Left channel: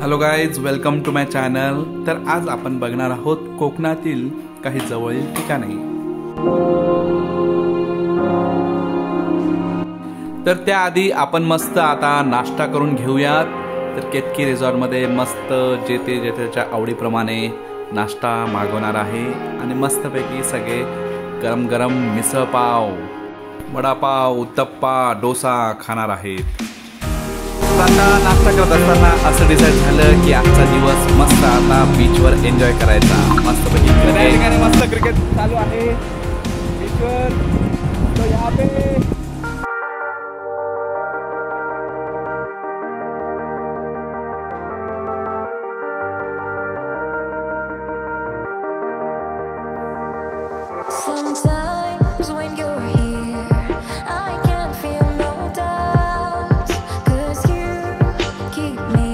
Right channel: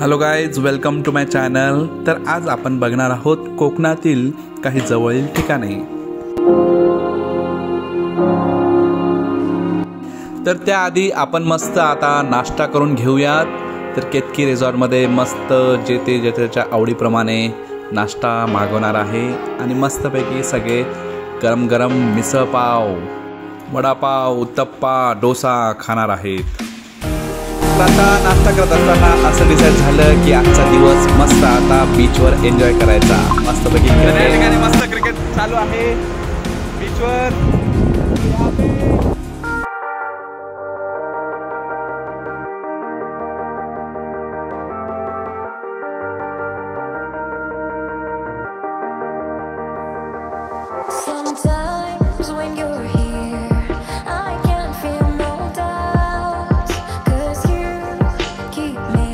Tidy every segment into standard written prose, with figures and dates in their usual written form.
Hello guys, welcome to my channel. तर आज आपण बघणार आहोत कोकणातील काही जवळील ठिकाणे। तर त्याआधी आपण मस्त आता नाश्ता करून घेऊयात। तर केतकी रिसॉर्टमध्ये मस्त जे त्याच्या आवडीप्रमाणे नाश्ता मागवणार आहे आणि मस्तपैकी सगळे गरम गरम मिसळ पाव, वडापाव, उत्तप्पा, डोसा खाणार आहेत। आता नाश्ता करत असताना असं डिसाईड झालं की आजचा दिवस मस्त आता बीचवर एन्जॉय करायचा। मस्तपैकी या ठिकाणी मस्त क्रिकेट चालू आहे बीचवर। Sometimes when you're here, I can feel no doubt, 'cause you keep me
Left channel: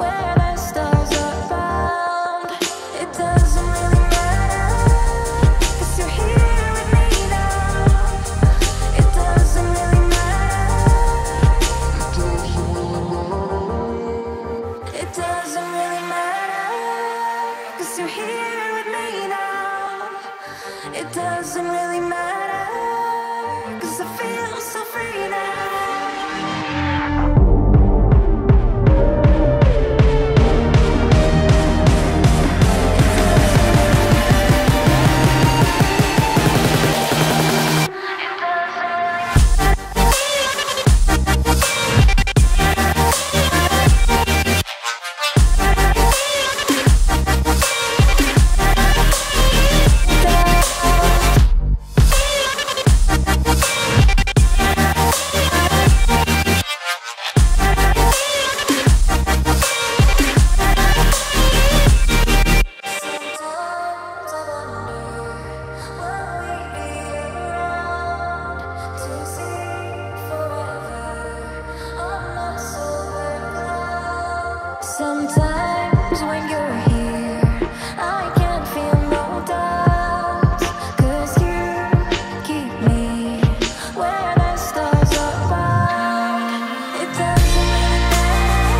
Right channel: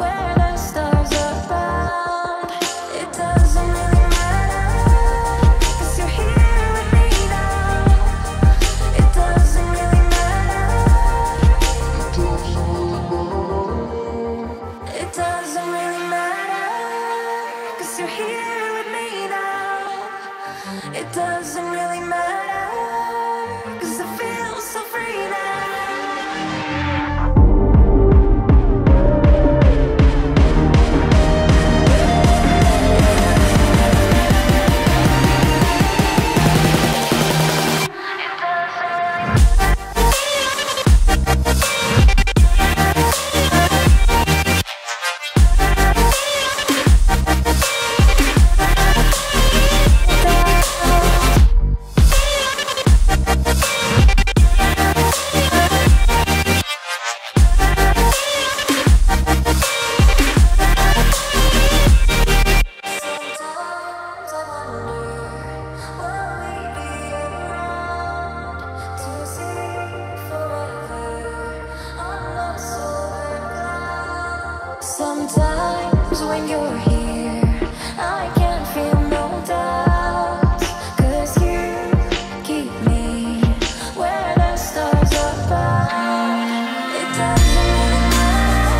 where the stars are bound. It doesn't really matter, 'cause you're here with me now. It doesn't really matter. It doesn't really matter, 'cause you're here with me now. It doesn't really matter, 'cause I feel so free now. Sometimes when you're here, I can feel no doubt, 'cause you keep me where the stars are bound. It doesn't really matter,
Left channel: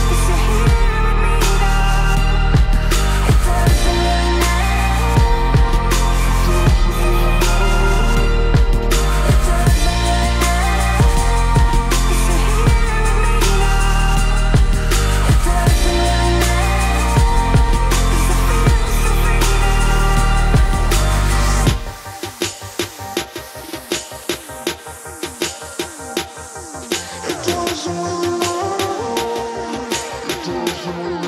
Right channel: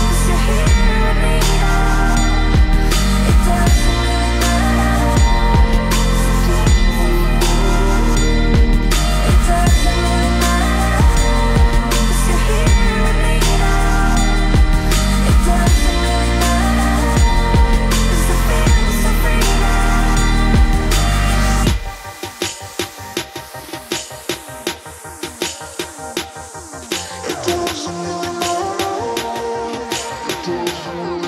'cause you're here with me now. It doesn't really matter. It doesn't really matter, 'cause you're here with me now. It doesn't really matter, 'cause I feel so free now. It doesn't really matter. It doesn't really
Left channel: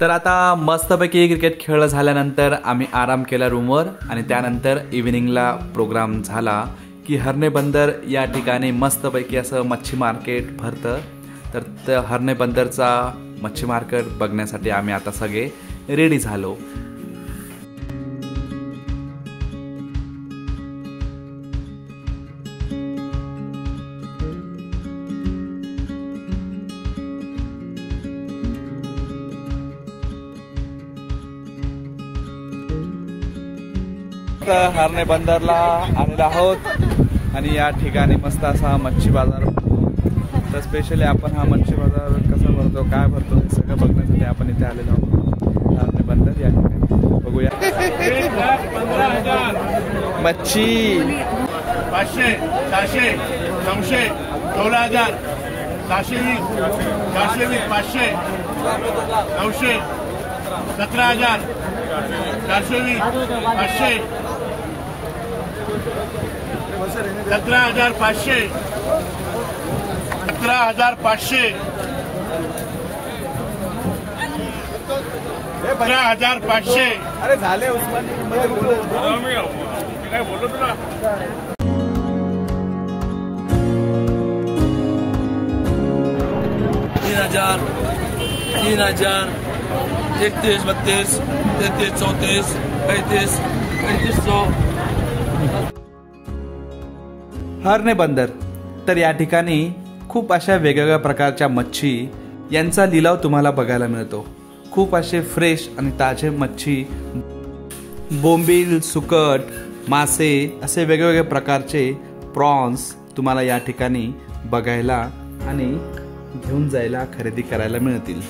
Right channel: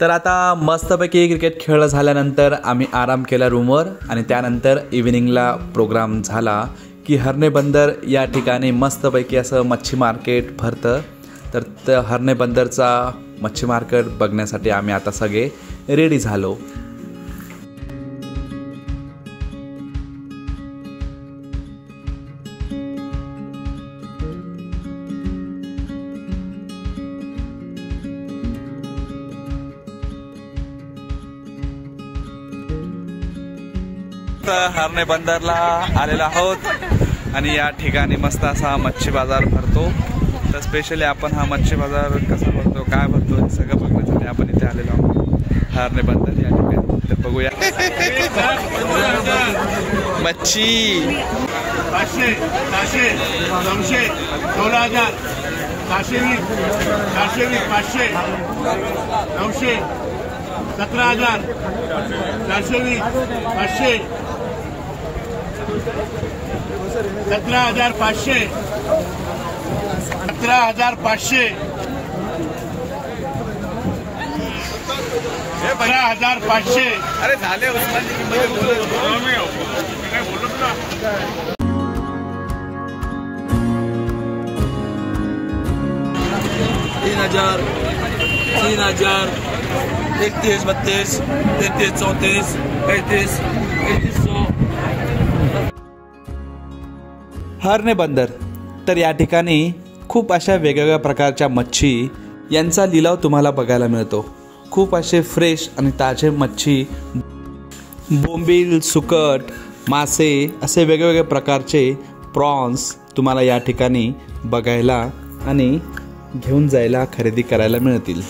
तर आता मस्तपैकी cricket खेळ झाल्यानंतर आम्ही आराम केला रूमवर आणि त्यानंतर इव्हिनिंगला प्रोग्राम झाला की हरणे बंदर या ठिकाणी मस्तपैकी असं मच्छी मार्केट भरतं। तर त्या हरणे बंदरचा मच्छी मार्केट बघण्यासाठी आम्ही आता सगळे रेडी झालो। हरणे बंदरला आलेलो आहोत आणि या ठिकाणी मस्त असा मच्छी बाजार भरतो। तर स्पेशली आपण हा मच्छी बाजार कसा भरतो, काय भरतो हे सगळं बघण्यासाठी आपण इथे आलेलो आहोत हरणे बंदर या ठिकाणी। तर बघूया मच्छी 500, 400, 900, 12000, 420, 420, 500, 900, 17000, 420, 500, 17500, 17500, 17500। अरे झाले उस्मानची किंमत बोलू 3000, 3000, 31, 32, 33, 34, 35, 3500। हरणे बंदर तर या ठिकाणी खूप अशा वेगवेगळ्या प्रकारच्या मच्छी यांचा लिलाव तुम्हाला बघायला मिळतो। खूप असे फ्रेश आणि ताजे मच्छी बोंबील, सुकट, मासे असे वेगवेगळे प्रकारचे प्रॉन्स तुम्हाला या ठिकाणी बघायला आणि घेऊन जायला खरेदी करायला मिळतील.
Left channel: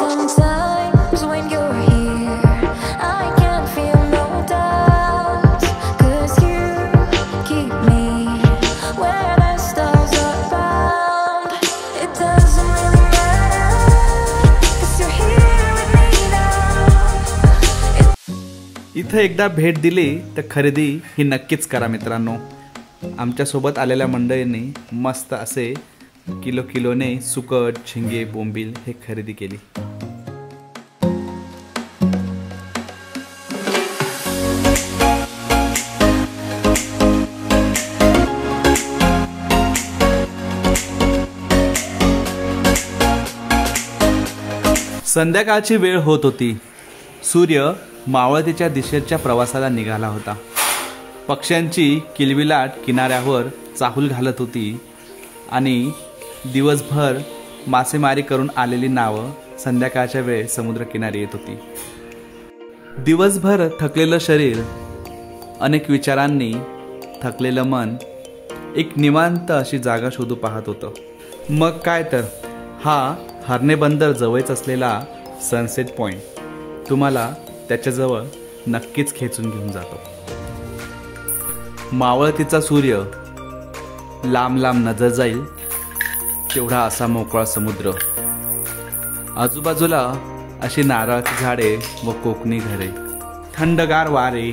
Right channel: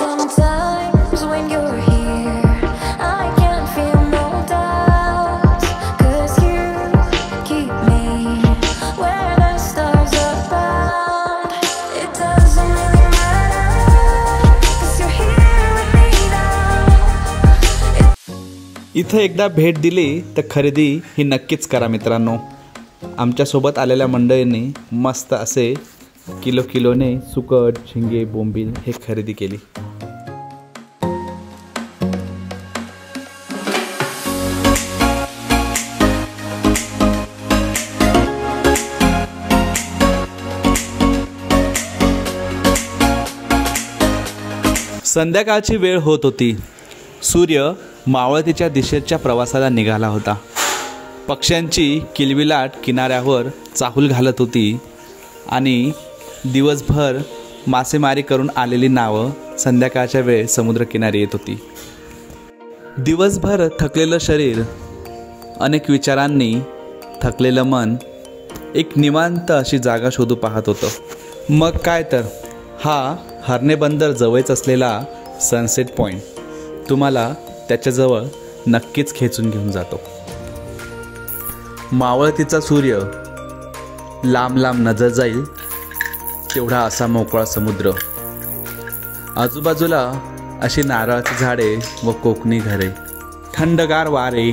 Sometimes when you're here, I can't feel no doubt, 'cause you keep me where the stars are bound. It doesn't really matter, 'cause you're here with me now. इथं एकदा भेट दिली तर खरेदी ही नक्कीच करा मित्रांनो. आमच्यासोबत आलेल्या मंडळींनी मस्त असे किलोने सुकट, झिंगे, बोंबील हे खरेदी केली. संध्याकाळची वेळ होत होती. सूर्य मावळतीच्या दिशेच्या प्रवासाला निघाला होता. पक्ष्यांची किलबिलाट किनाऱ्यावर चाहूल घालत होती आणि दिवसभर मासेमारी करून आलेली नावं संध्याकाळच्या वेळ समुद्रकिनारी येत होती. दिवसभर थकलेलं शरीर, अनेक विचारांनी थकलेलं मन एक निवांत अशी जागा शोधू पाहत होतं. मग काय तर, हा हर्णे बंदर जवळच असलेला सनसेट पॉईंट तुम्हाला त्याच्याजवळ नक्कीच खेचून घेऊन जातो. मावळतीचा सूर्य लांब लांब नजर जाईल तेवढा असा मोकळा समुद्र, आजूबाजूला अशी नारळाची झाडे व कोकणी घरे, थंडगार वारे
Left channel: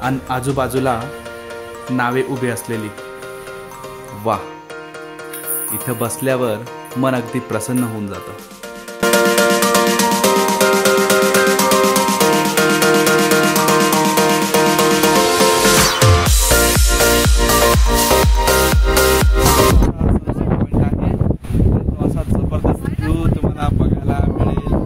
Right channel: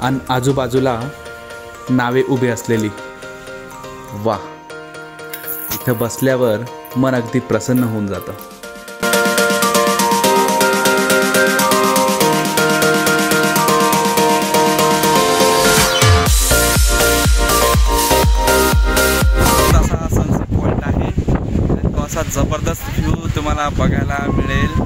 आणि आजूबाजूला नावे उभी असलेली. वा, इथं बसल्यावर मन अगदी प्रसन्न होऊन जातं. जबरदस्त व्ह्यू तुम्हाला बघायला मिळेल.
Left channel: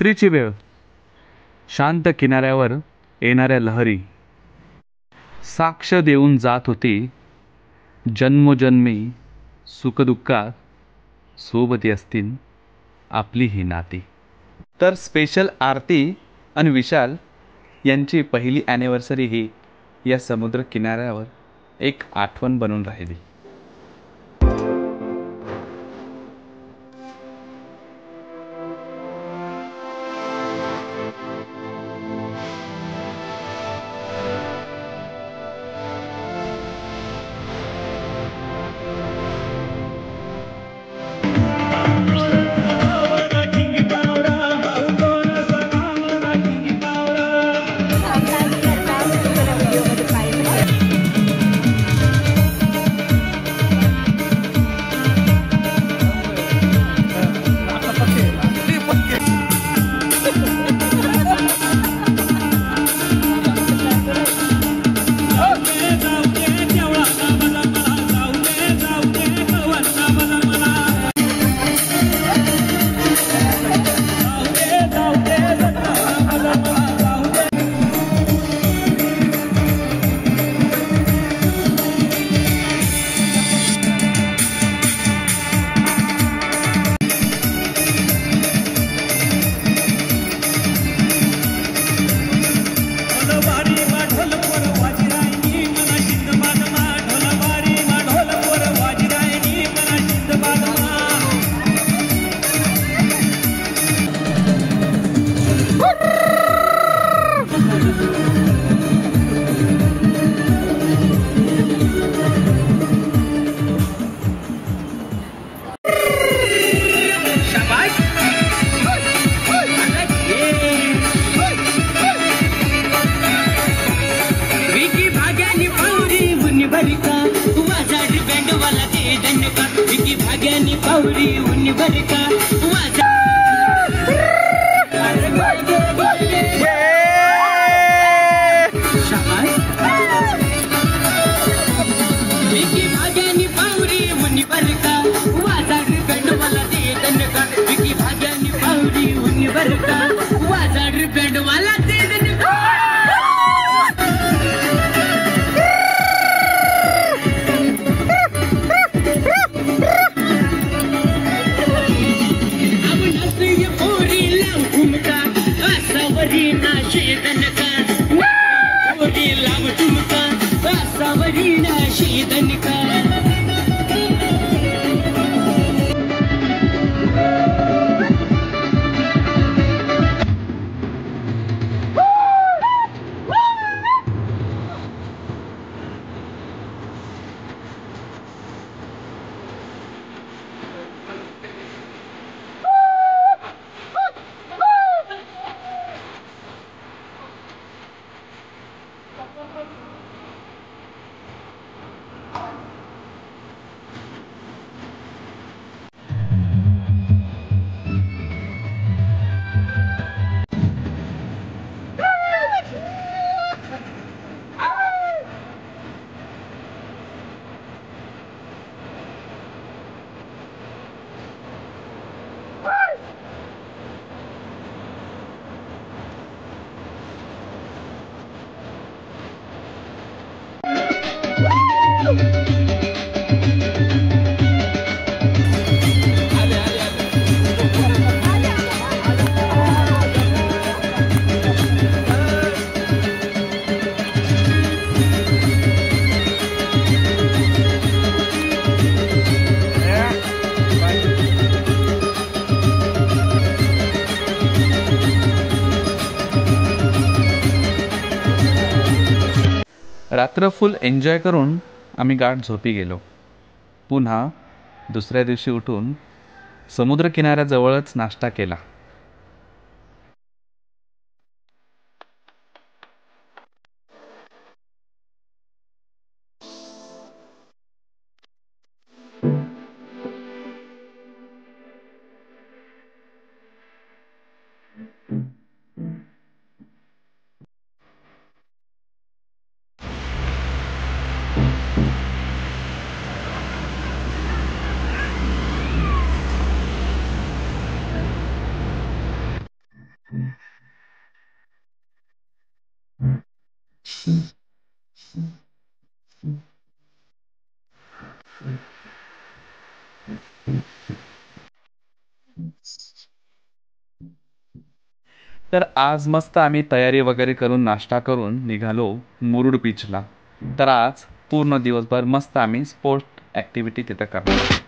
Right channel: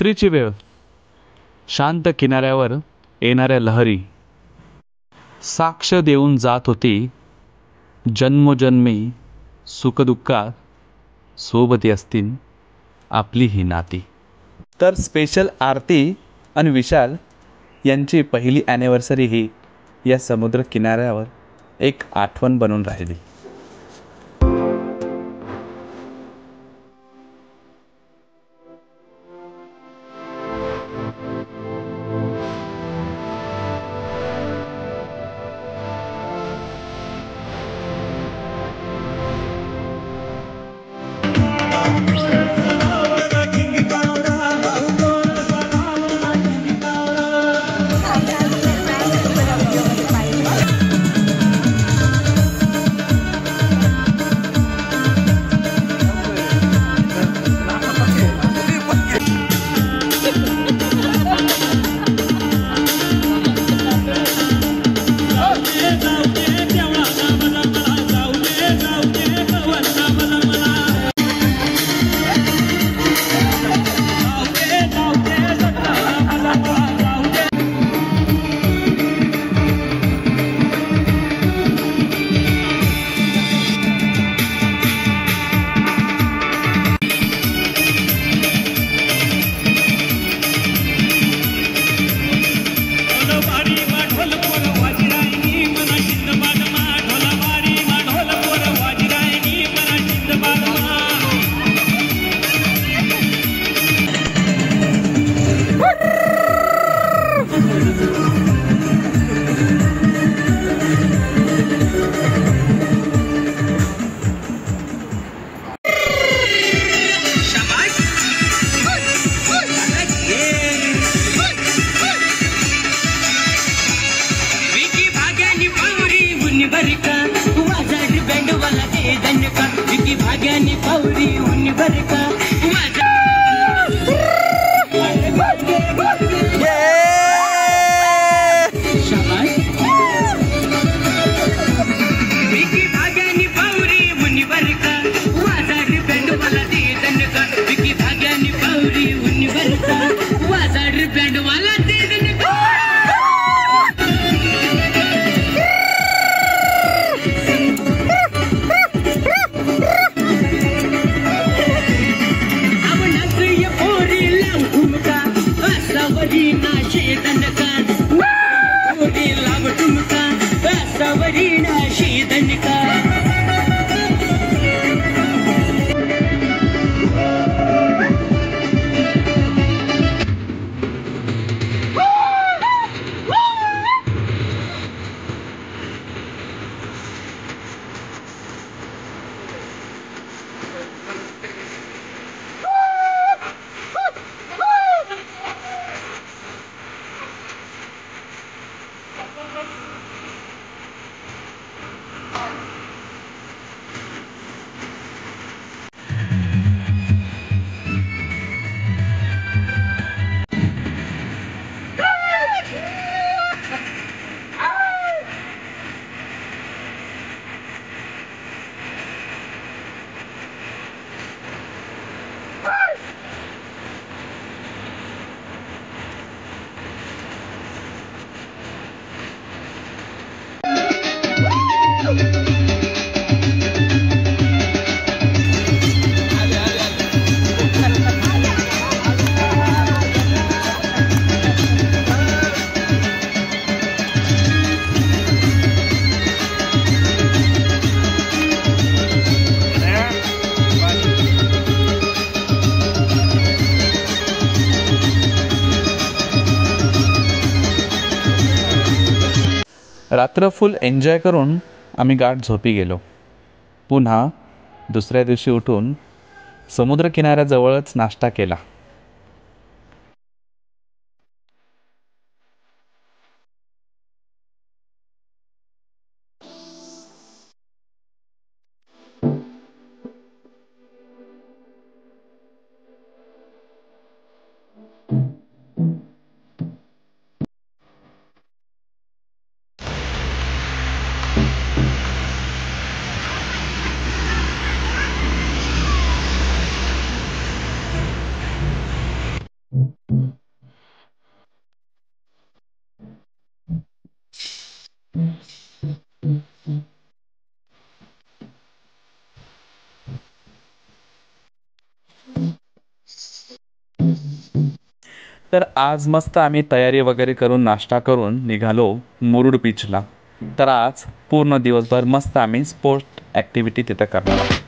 रात्रीची वेळ, शांत किनाऱ्यावर येणाऱ्या लहरी साक्ष देऊन जात होती, जन्मोजन्मी सुखदुःखात सोबती असतील आपली ही नाती. तर स्पेशल आरती आणि विशाल यांची पहिली ॲनिव्हर्सरी ही या समुद्र किनाऱ्यावर एक आठवण बनून राहिली. रात्र फुल एन्जॉय करून आम्ही गाढ झोपी गेलो. पुन्हा दुसऱ्या दिवशी उठून समुद्रकिनाऱ्याजवळच नाश्ता केला. तर आज मस्त आम्ही तयारी वगैरे करून नाश्ता करून निघालो मुरुड बीचला. तर आज पूर्ण दिवसभर मस्त आम्ही स्पोर्ट ॲक्टिव्हिटी तिथं करणार आहोत.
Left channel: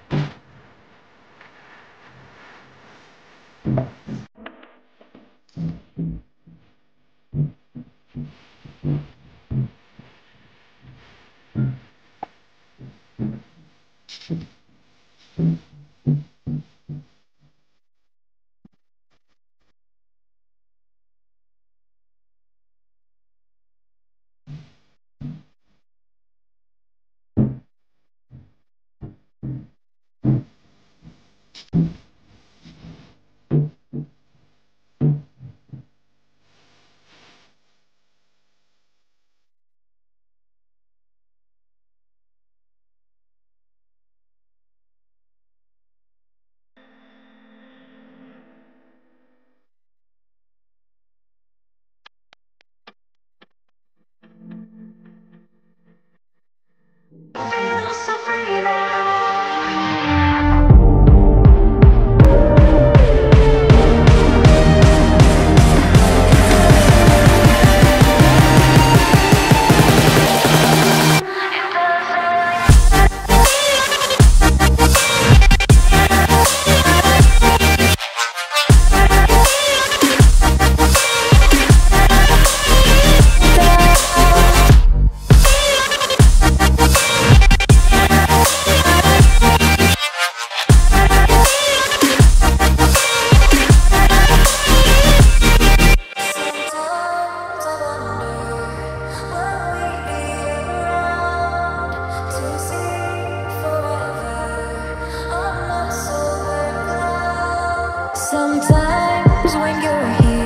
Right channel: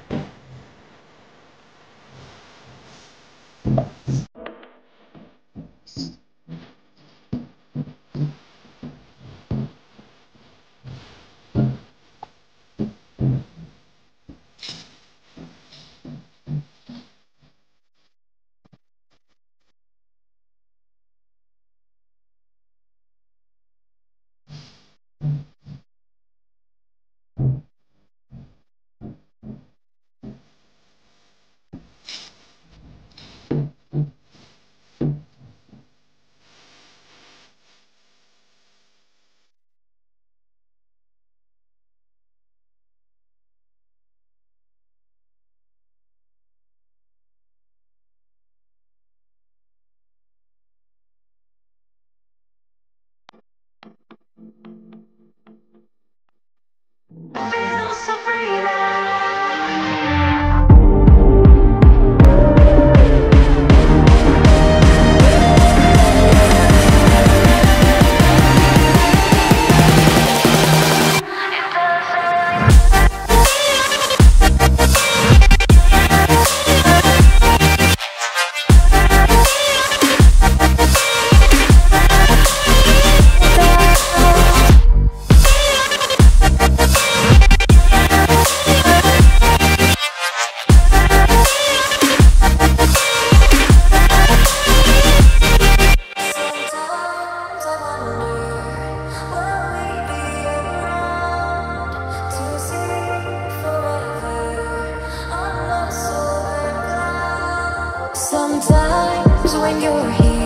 Feel so free now. Sometimes I wonder, will we be around to see forever on the silver cloud? Sometimes when you're here